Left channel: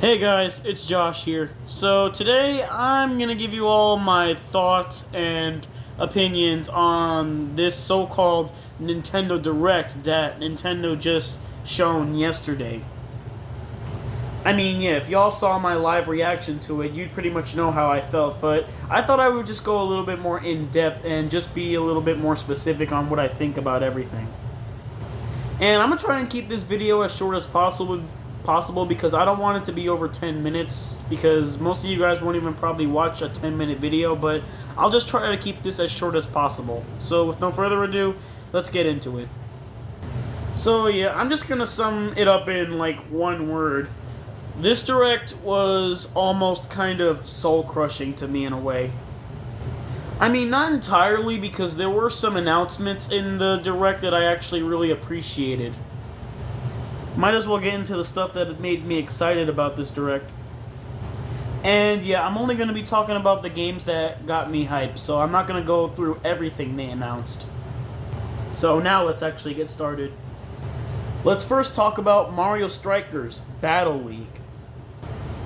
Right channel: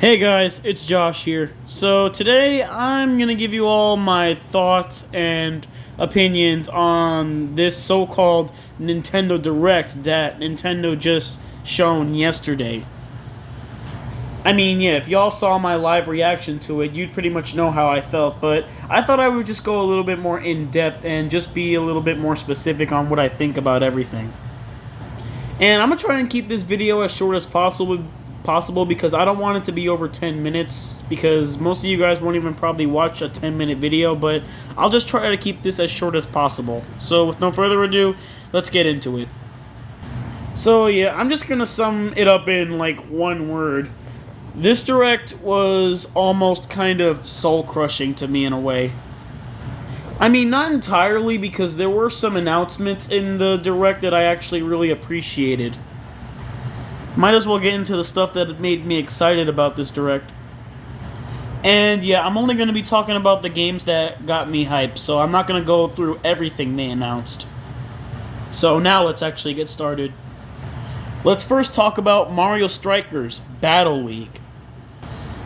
Hey guys, it's Josh here. So today I'm going to give you all my thoughts and opinions on this so-called Nintendo Direct that Nintendo just shown yesterday. I mean, yeah, if y'all saw my live reaction to it, you'd pretty much know how I felt, but I thought I would just go a little bit more in-depth and just be a little bit more specific on what I think about everything. And I'm going to try and keep this video as short as possible because I don't want it to be over 10 minutes because most of you guys won't even probably watch a 10-minute video, but I'll just try to keep this as short as possible. So with no further ado, let's get into it. So yeah, I'm just going to sum it up in like one word. This Direct was almost kind of soul-crushing to me in a way. I mean, not entirely because there were some announcements in the Direct that I actually really appreciated. Might as well get into the stuff that made me excited about this Direct. And yeah, I'm only going to be talking about the games that got me hyped, so I'm not going to go through everything they announced. So now let's actually get started. Let's first talk about Mario Strikers Battle League.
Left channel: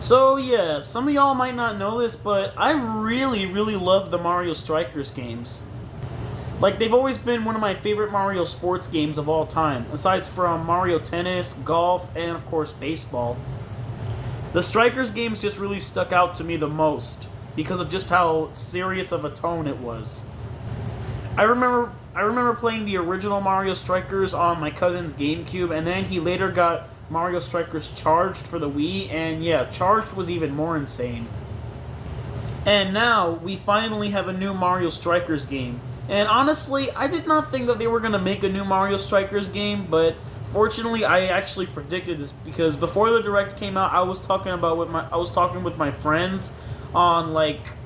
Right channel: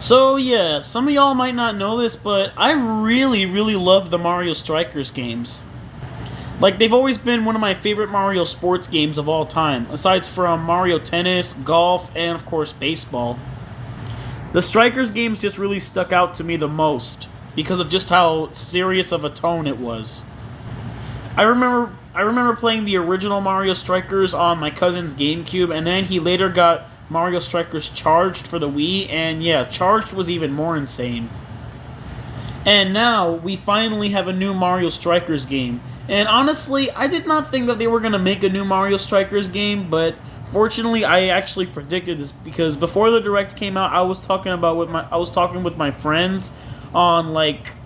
So yeah, some of y'all might not know this, but I really love the Mario Strikers games. Like, they've always been one of my favorite Mario sports games of all time, aside from Mario Tennis, golf, and of course baseball. The Strikers games just really stuck out to me the most, because of just how serious of a tone it was. I remember playing the original Mario Strikers on my cousin's GameCube, and then he later got Mario Strikers Charged for the Wii, and yeah, Charged was even more insane. And now, we finally have a new Mario Strikers game. And honestly, I did not think that they were going to make a new Mario Strikers game, but fortunately, I actually predicted this because before the Direct came out, I was talking with my friends on like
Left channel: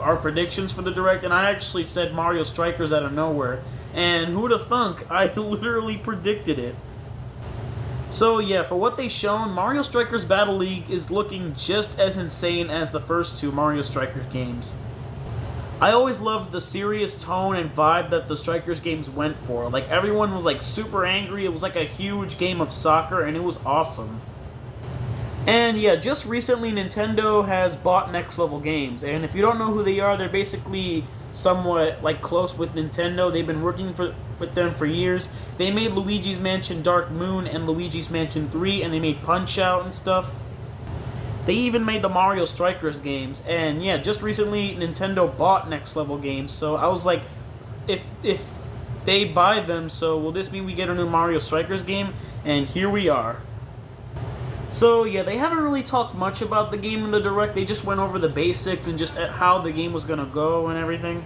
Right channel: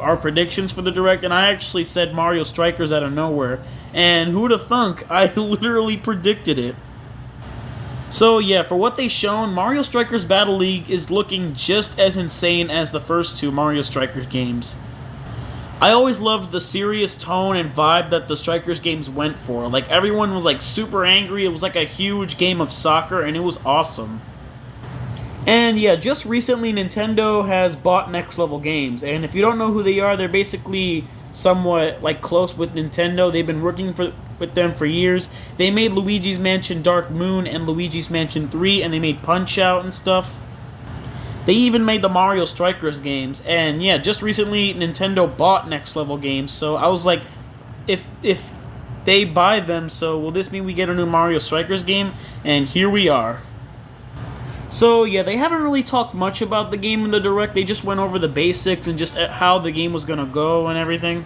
our predictions for the Direct, and I actually said Mario Strikers out of nowhere. And who'd have thunk? I literally predicted it. So yeah, for what they shown, Mario Strikers Battle League is looking just as insane as the first two Mario Strikers games. I always loved the serious tone and vibe that the Strikers games went for. Like, everyone was like super angry. It was like a huge game of soccer, and it was awesome. And yeah, just recently Nintendo has bought Next Level Games, and if you don't know who they are, they're basically somewhat like close with Nintendo. They've been working with them for years. They made Luigi's Mansion Dark Moon and Luigi's Mansion 3, and they made Punch-Out and stuff. They even made the Mario Strikers games, and yeah, just recently Nintendo bought Next Level Games, so I was like, if they buy them, so will this mean we get a new Mario Strikers game? And here we are. So yeah, they haven't really talked much about the game in the Direct, they just went over the basics and just how the game was gonna go and everything.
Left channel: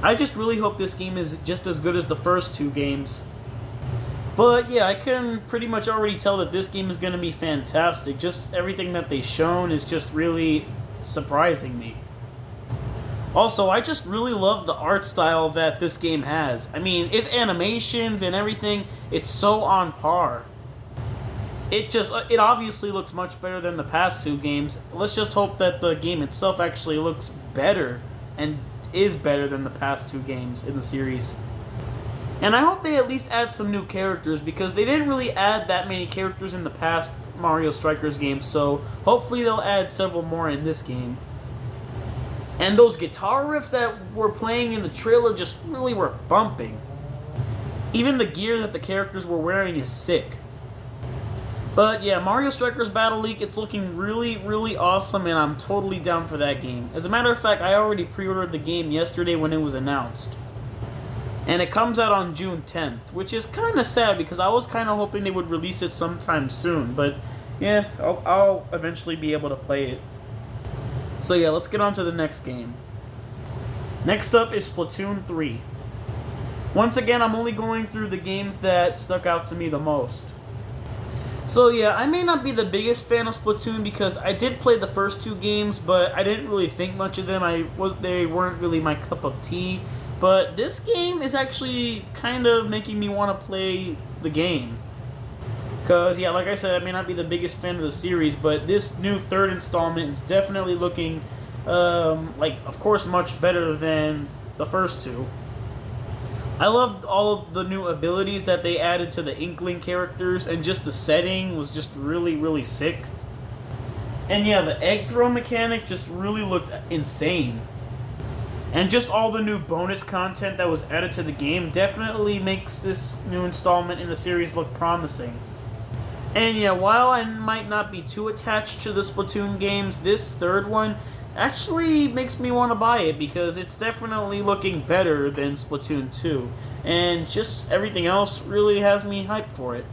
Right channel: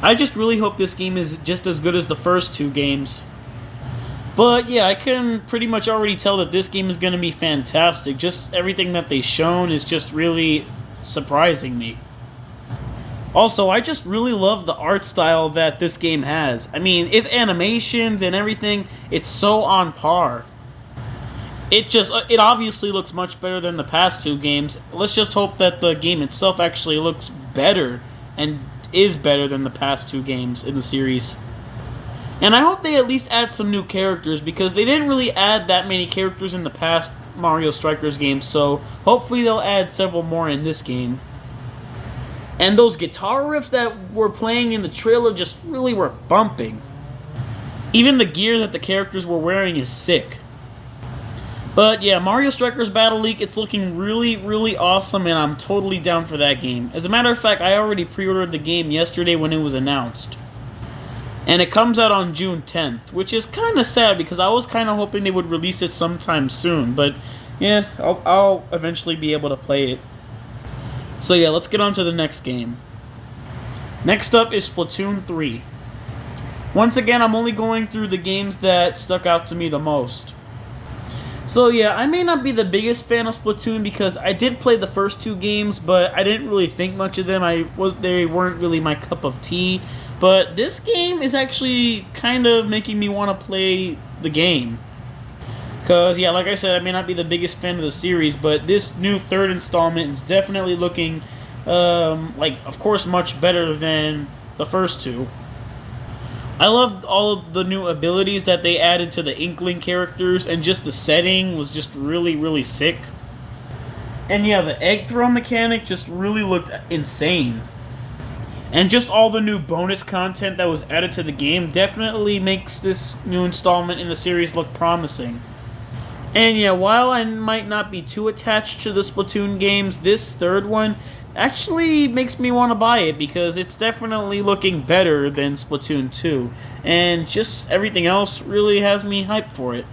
I just really hope this game is just as good as the first two games. But yeah, I can pretty much already tell that this game is going to be fantastic. Just everything that they've shown is just really surprising me. Also, I just really love the art style that this game has. I mean, its animations and everything, it's so on par. It obviously looks much better than the past two games. Let's just hope that the game itself actually looks better and is better than the past two games in the series. And I hope they at least add some new characters, because they didn't really add that many characters in the past Mario Strikers games, so hopefully they'll add several more in this game. And those guitar riffs that were playing in the trailer just really were bumping. Even the gear that the characters were wearing is sick. But yeah, Mario Strikers Battle League, it's looking really awesome, and I'm totally down for that game. As a matter of fact, I already pre-ordered the game yesterday when it was announced. And it comes out on June 10th, which is kind of sad because I was kind of hoping they would release it sometime soon. But yeah, I'll eventually be able to play it. So yeah, let's get on to the next game. Next up is Splatoon 3. Once again, I'm only going through the games that stuck out to me the most. So yeah, I may not be the biggest fan of Splatoon because I did play the first two games, but I didn't really think much of them. They weren't really my cup of tea. But this game is actually kind of making me want to play the game. Because, yeah, like I said, I may not be the biggest fan of the series, but this new third installment is definitely looking, of course, much better than the first two. I loved all of the new abilities that they added to the Inkling characters, and just the setting was just really sick. And yeah, the egg throw mechanic just really looked insane. And just all the new bonus content that was added to the game definitely makes this new installment in the series look promising. And yeah, while I might not be too attached to the Splatoon games, this third one actually makes me want to buy it because it's definitely looking better than Splatoon 2. And just everything else really has me hyped for it.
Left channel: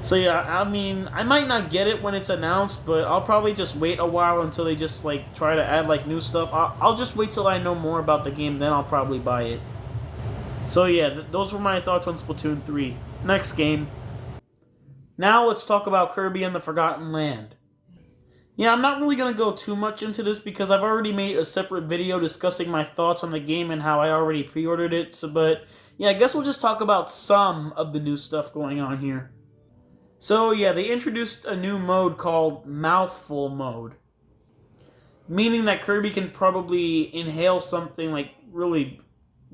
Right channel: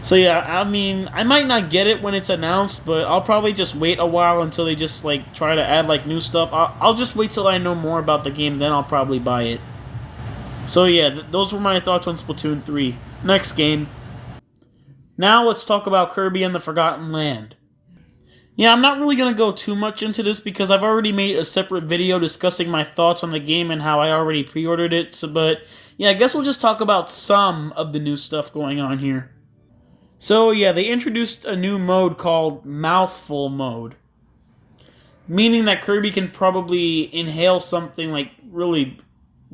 So yeah, I mean, I might not get it when it's announced, but I'll probably just wait a while until they just like try to add like new stuff. I'll just wait till I know more about the game, then I'll probably buy it. So yeah, those were my thoughts on Splatoon 3. Next game. Now let's talk about Kirby and the Forgotten Land. Yeah, I'm not really going to go too much into this because I've already made a separate video discussing my thoughts on the game and how I already pre-ordered it. But yeah, I guess we'll just talk about some of the new stuff going on here. So yeah, they introduced a new mode called Mouthful Mode, meaning that Kirby can probably inhale something like really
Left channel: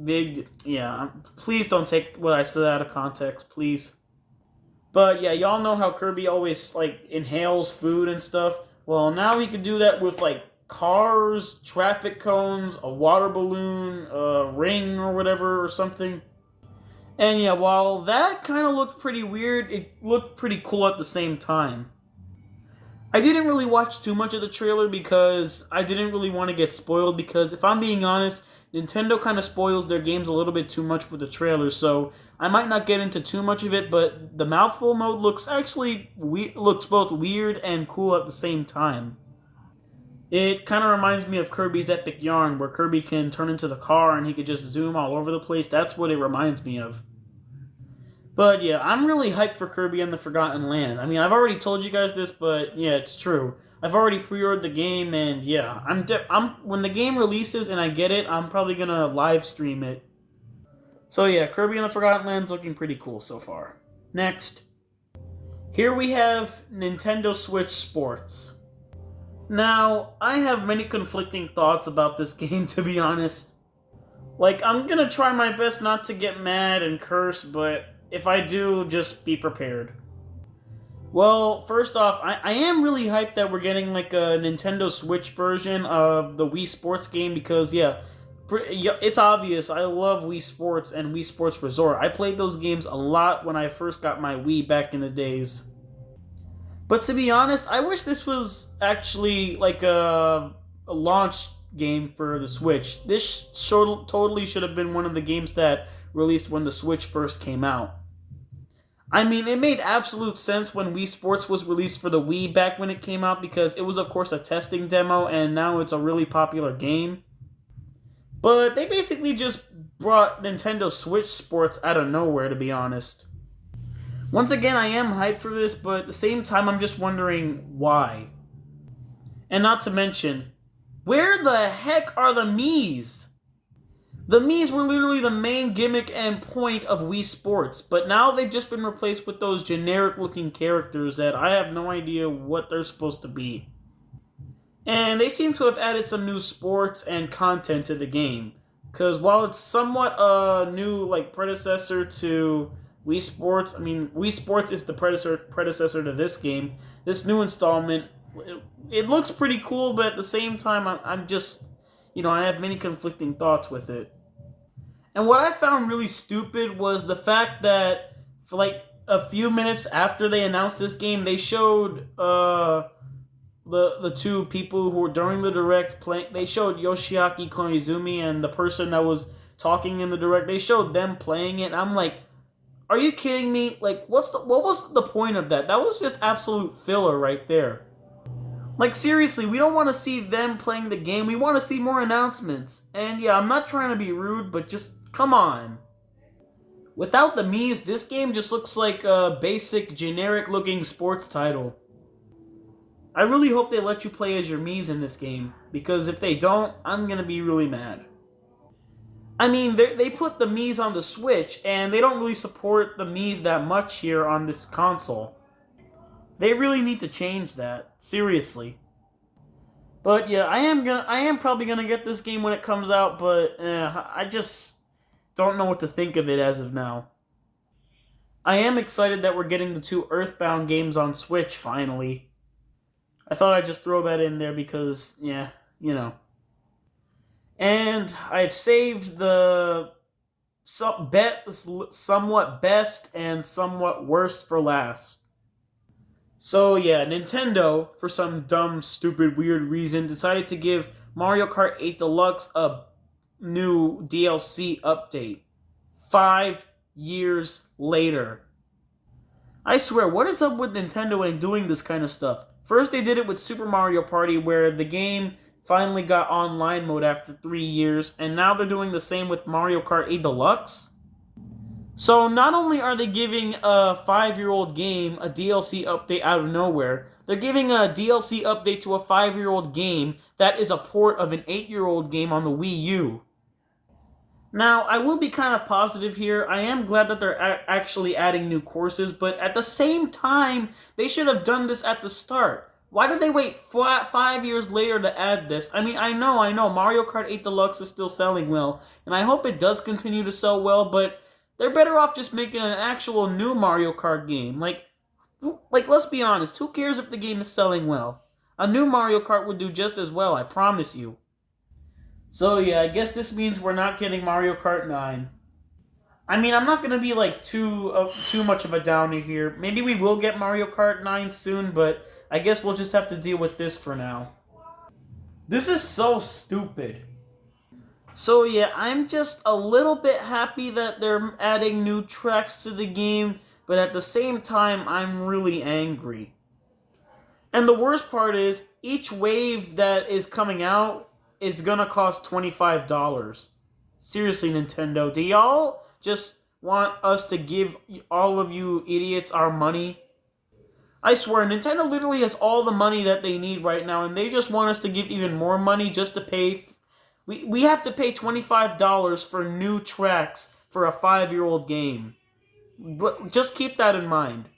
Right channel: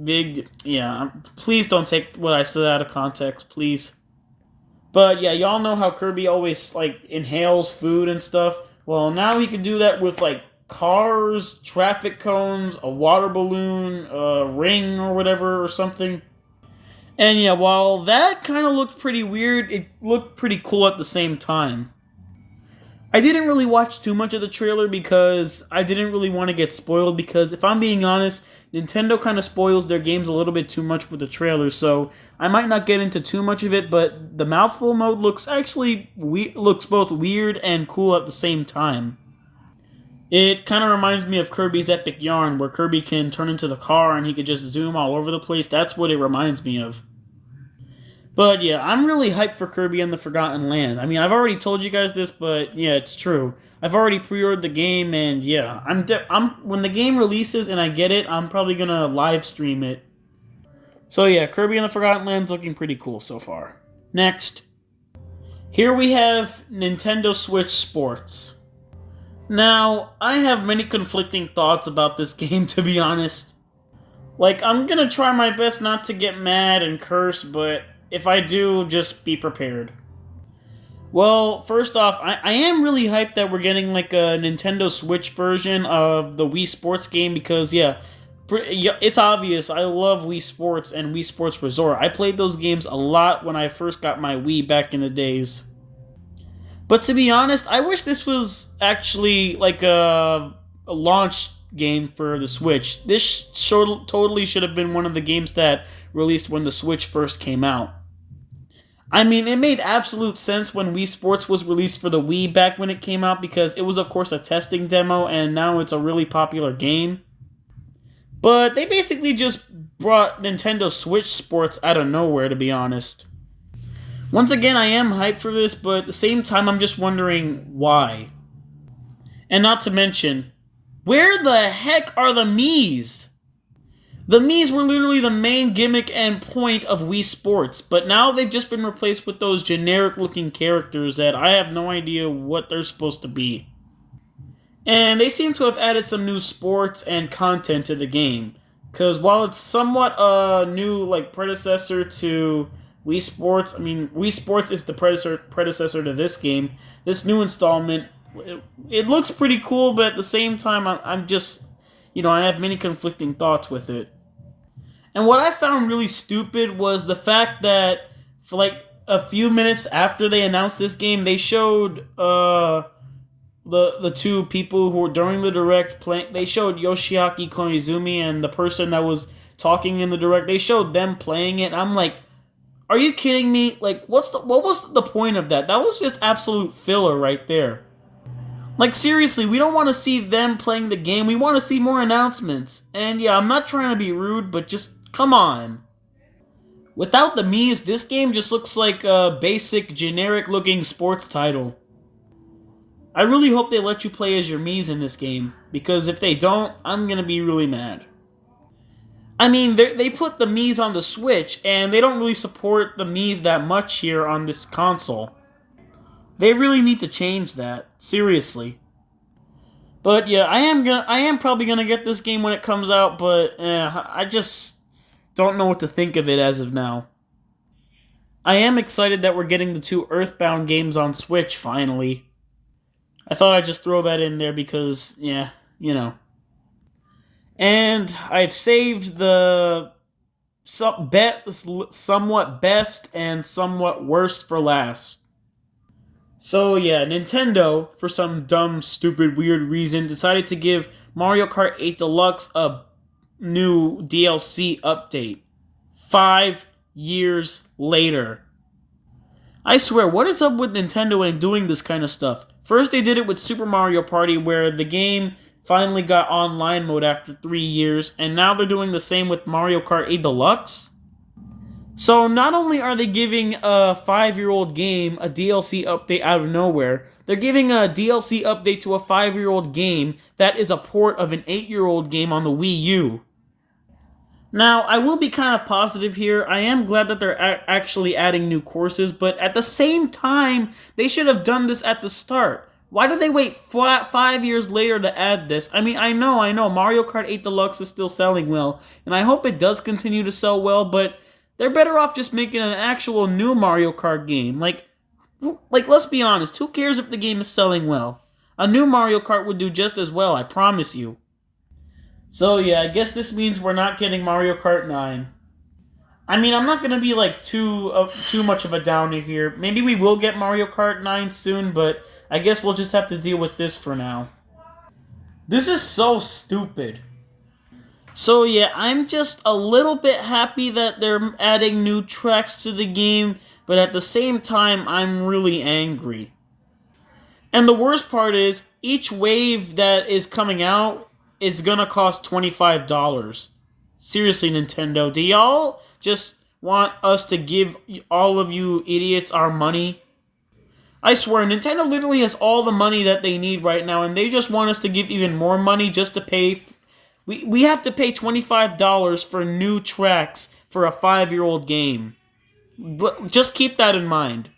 big. Yeah, please don't take what I said out of context, please. But yeah, y'all know how Kirby always like inhales food and stuff. Well, now he can do that with like cars, traffic cones, a water balloon, a ring or whatever or something. And yeah, while that kind of looked pretty weird, it looked pretty cool at the same time. I didn't really watch too much of the trailer because I didn't really want to get spoiled because if I'm being honest, Nintendo kind of spoils their games a little bit too much with the trailer, so I might not get into too much of it, but the mouthful mode looks actually looks both weird and cool at the same time. It kind of reminds me of Kirby's Epic Yarn, where Kirby can turn into the car and he could just zoom all over the place. That's what it reminds me of. But yeah, I'm really hyped for Kirby and the Forgotten Land. I mean, I've already told you guys this, but yeah, it's true. I've already pre-ordered the game, and yeah, I'm when the game releases and I get it, I'm probably gonna live stream it. So yeah, Kirby and the Forgotten Land's looking pretty cool so far. Next, here we have Nintendo Switch Sports. Now, I have many conflicting thoughts about this game, to be honest. Like, I'm gonna try my best not to get mad and curse, but if I do, just be prepared. Well, first off, I am really hyped that we're getting like a Nintendo Switch version of the Wii Sports game because, yeah, it's obvious. I love Wii Sports and Wii Sports Resort. I played those games a lot when I first got my Wii back in the days. But to be honest, I wish this was actually like a launch game for the Switch. This totally should have been one of the games that released when the Switch first came out. I mean, it made absolute sense when Wii Sports was released for the Wii back when it came out because it was, of course, a testing demo and now it's a really popular game. But they basically just brought Nintendo Switch Sports out of nowhere, to be honest. Once again, I am hyped for this, but at the same time, I'm just wondering why. And not to mention, where the heck are the Miis? The Miis were literally the main gimmick and point of Wii Sports, but now they've just been replaced with those generic-looking characters that I have no idea what they're supposed to be. And they seem to have added some new sports and content to the game, because while it's somewhat a new predecessor to Wii Sports, I mean, Wii Sports is the predecessor to this game. This new installment, it looks pretty cool, but at the same time, I'm just, I have many conflicting thoughts with it. And what I found really stupid was the fact that for like a few minutes after they announced this game, they showed the two people who were during the direct playing. They showed Yoshiaki Koizumi and the person that was talking in the direct. They showed them playing it. I'm like, are you kidding me? Like, what was the point of that? That was just absolute filler right there. Like, seriously, we don't want to see them playing the game. We want to see more announcements. And yeah, I'm not trying to be rude, but just come on. Without the Miis, this game just looks like a basic, generic-looking sports title. I really hope they let you play as your Miis in this game, because if they don't, I'm gonna be really mad. I mean, they put the Miis on the Switch, and they don't really support the Miis that much here on this console. They really need to change that. Seriously. But yeah, I am probably gonna get this game when it comes out, but I just don't know what to think of it as of now. I am excited that we're getting the two Earthbound games on Switch finally. I thought I'd just throw that in there because, yeah, you know. And I've saved the somewhat best and somewhat worst for last. So yeah, Nintendo, for some dumb, stupid, weird reason, decided to give Mario Kart 8 Deluxe a new DLC update. 5 years later. I swear, what is up with Nintendo and doing this kind of stuff? First, they did it with Super Mario Party, where the game finally got online mode after 3 years, and now they're doing the same with Mario Kart 8 Deluxe. So, not only are they giving a 5-year-old game a DLC update out of nowhere, they're giving a DLC update to a 5-year-old game that is a port of an 8-year-old game on the Wii U. Now, I will be kind of positive here. I am glad that they're actually adding new courses, but at the same time, they should have done this at the start. Why do they wait 5 years later to add this? I mean, I know, Mario Kart 8 Deluxe is still selling well, and I hope it does continue to sell well, but they're better off just making an actual new Mario Kart game. Like let's be honest, who cares if the game is selling well? A new Mario Kart would do just as well, I promise you. So yeah, I guess this means we're not getting Mario Kart 9. I mean, I'm not gonna be like too much of a downer here. Maybe we will get Mario Kart 9 soon, but I guess we'll just have to deal with this for now. This is so stupid. So yeah, I'm just a little bit happy that they're adding new tracks to the game, but at the same time, I'm really angry. And the worst part is, each wave that is coming out is gonna cost $25. Seriously, Nintendo, do y'all just want us to give all of you idiots our money? I swear, Nintendo literally has all the money that they need right now, and they just want us to give even more money just to pay. We have to pay $25 for new tracks for a 5-year-old game. Just keep that in mind.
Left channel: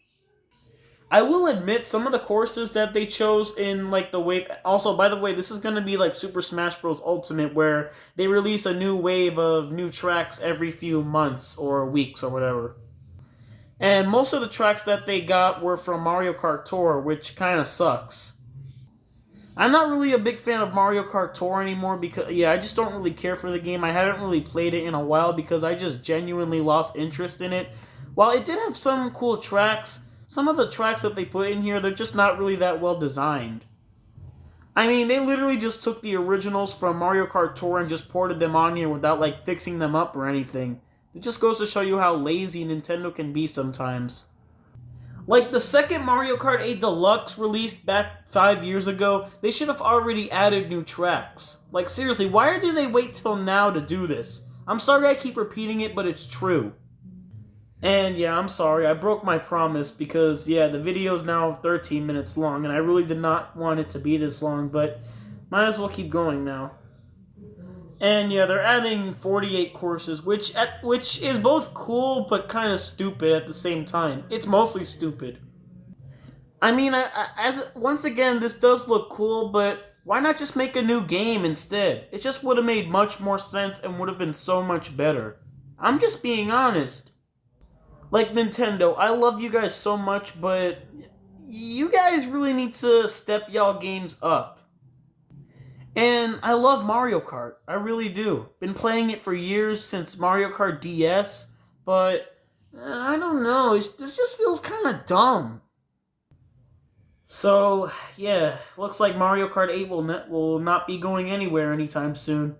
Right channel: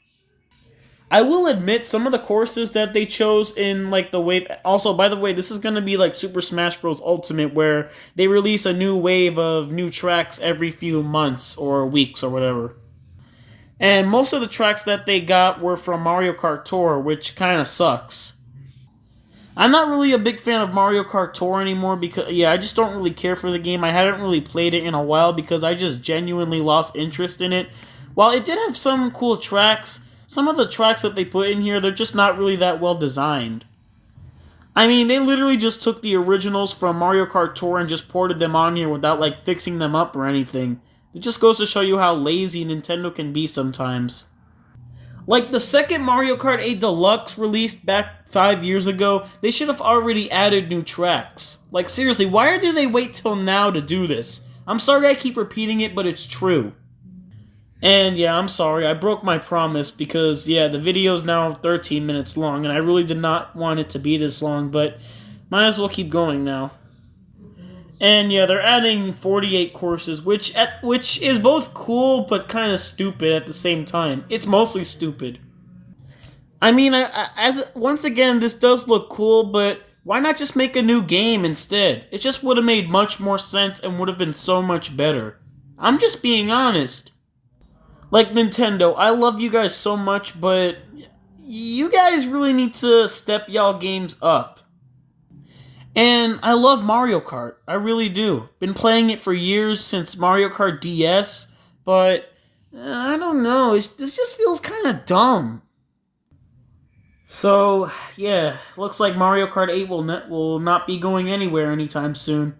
I will admit some of the courses that they chose in like the wave. Also, by the way, this is gonna be like Super Smash Bros. Ultimate, where they release a new wave of new tracks every few months or weeks or whatever. And most of the tracks that they got were from Mario Kart Tour, which kind of sucks. I'm not really a big fan of Mario Kart Tour anymore because, yeah, I just don't really care for the game. I haven't really played it in a while because I just genuinely lost interest in it. While it did have some cool tracks, some of the tracks that they put in here, they're just not really that well designed. I mean, they literally just took the originals from Mario Kart Tour and just ported them on here without, like, fixing them up or anything. It just goes to show you how lazy Nintendo can be sometimes. Like, the second Mario Kart 8 Deluxe released back 5 years ago, they should have already added new tracks. Like, seriously, why do they wait till now to do this? I'm sorry I keep repeating it, but it's true. And yeah, I'm sorry, I broke my promise because, yeah, the video is now 13 minutes long, and I really did not want it to be this long, but might as well keep going now. And yeah, they're adding 48 courses, which is both cool but kind of stupid at the same time. It's mostly stupid. I mean, as once again, this does look cool, but why not just make a new game instead? It just would have made much more sense and would have been so much better. I'm just being honest. Like, Nintendo, I love you guys so much, but you guys really need to step y'all games up. And I love Mario Kart. I really do. Been playing it for years since Mario Kart DS, but I don't know. This just feels kind of dumb. So, yeah, looks like Mario Kart 8 will not be going anywhere anytime soon.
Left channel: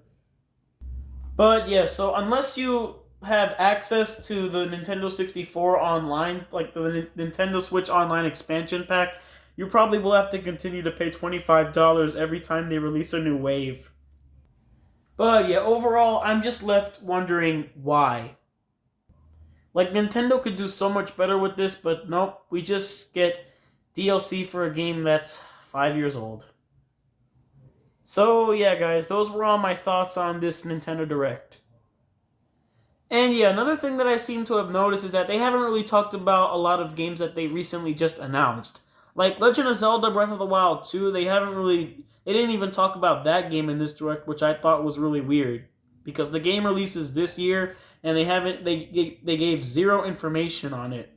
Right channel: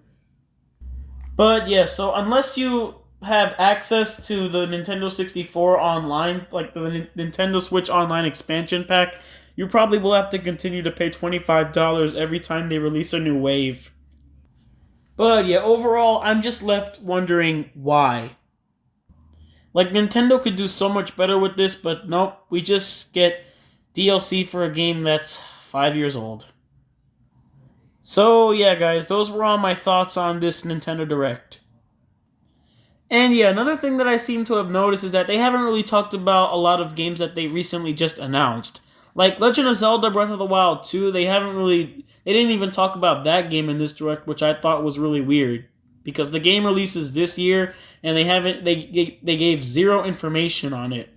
But yeah, so unless you have access to the Nintendo 64 online, like the Nintendo Switch Online expansion pack, you probably will have to continue to pay $25 every time they release a new wave. But yeah, overall, I'm just left wondering why. Like, Nintendo could do so much better with this, but nope, we just get DLC for a game that's 5 years old. So yeah, guys, those were all my thoughts on this Nintendo Direct. And yeah, another thing that I seem to have noticed is that they haven't really talked about a lot of games that they recently just announced. Like Legend of Zelda Breath of the Wild 2, they didn't even talk about that game in this direct, which I thought was really weird. Because the game releases this year, and they gave zero information on it.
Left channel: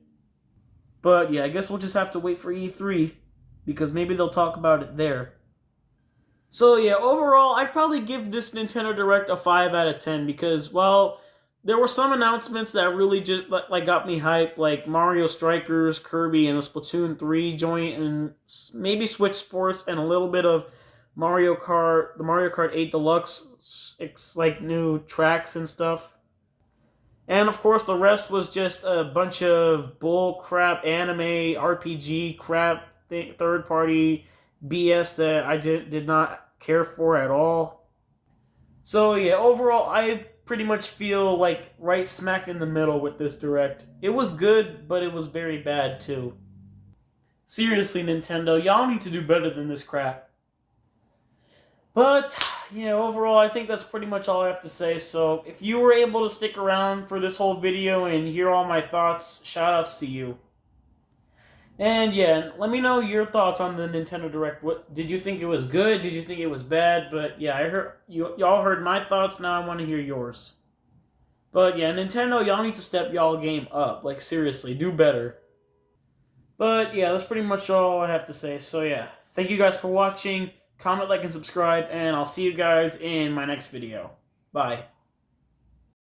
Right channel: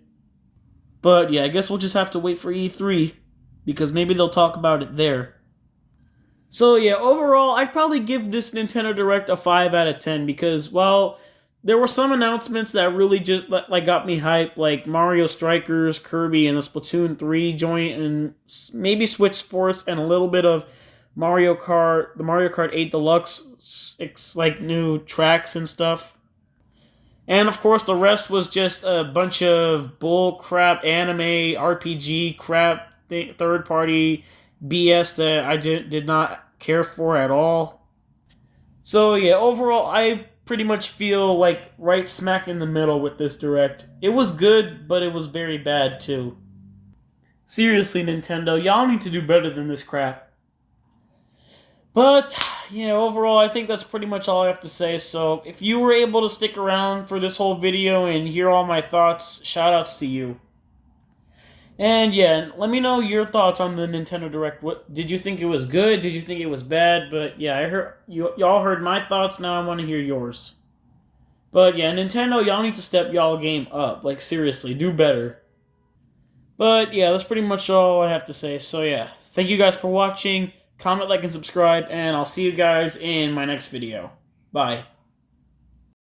But yeah, I guess we'll just have to wait for E3. because maybe they'll talk about it there. So yeah, overall, I'd probably give this Nintendo Direct a 5 out of 10 because while there were some announcements that really just like got me hyped, like Mario Strikers, Kirby, and the Splatoon 3 joint, and maybe Switch Sports, and a little bit of Mario Kart, the Mario Kart 8 Deluxe, like new tracks and stuff. And of course, the rest was just a bunch of bull crap anime, RPG crap, third party BS that I did not care for at all. So yeah, overall, I pretty much feel like right smack in the middle with this direct. It was good, but it was very bad too. Seriously, Nintendo, y'all need to do better than this crap. But, yeah, overall, I think that's pretty much all I have to say. So, if you were able to stick around for this whole video and hear all my thoughts, shoutouts to you. And, yeah, let me know your thoughts on the Nintendo Direct. What did you think it was good? Did you think it was bad? But, yeah, I heard y'all heard my thoughts. Now I want to hear yours. But, yeah, Nintendo, y'all need to step y'all game up. Like, seriously, do better. But, yeah, that's pretty much all I have to say. So, yeah, thank you guys for watching. Comment, like, and subscribe, and I'll see you guys in my next video. Bye.